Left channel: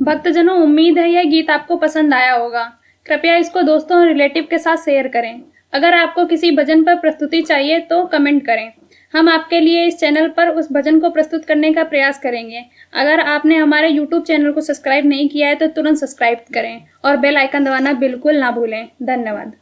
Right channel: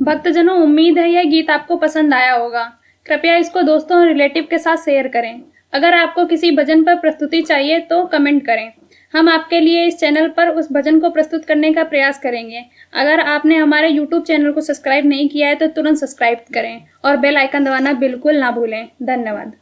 भक्तजनों, उम्मीद है यह गीत आपको पसंद आया होगा। कृपया इसको दोस्तों और रिलेटिव के साथ शेयर करें। अगर आपको किसी भजन पर प्रस्तुति चाहिए तो कमेंट करें। हम आपके लिए इस चैनल पर उस भजन को प्रस्तुत करने का प्रयास करेंगे। अगर आपने हमारे YouTube चैनल को सब्सक्राइब नहीं किया है तो तुरंत सब्सक्राइब करें और बेल आइकन दबाना बिल्कुल ना भूलें। धन्यवाद।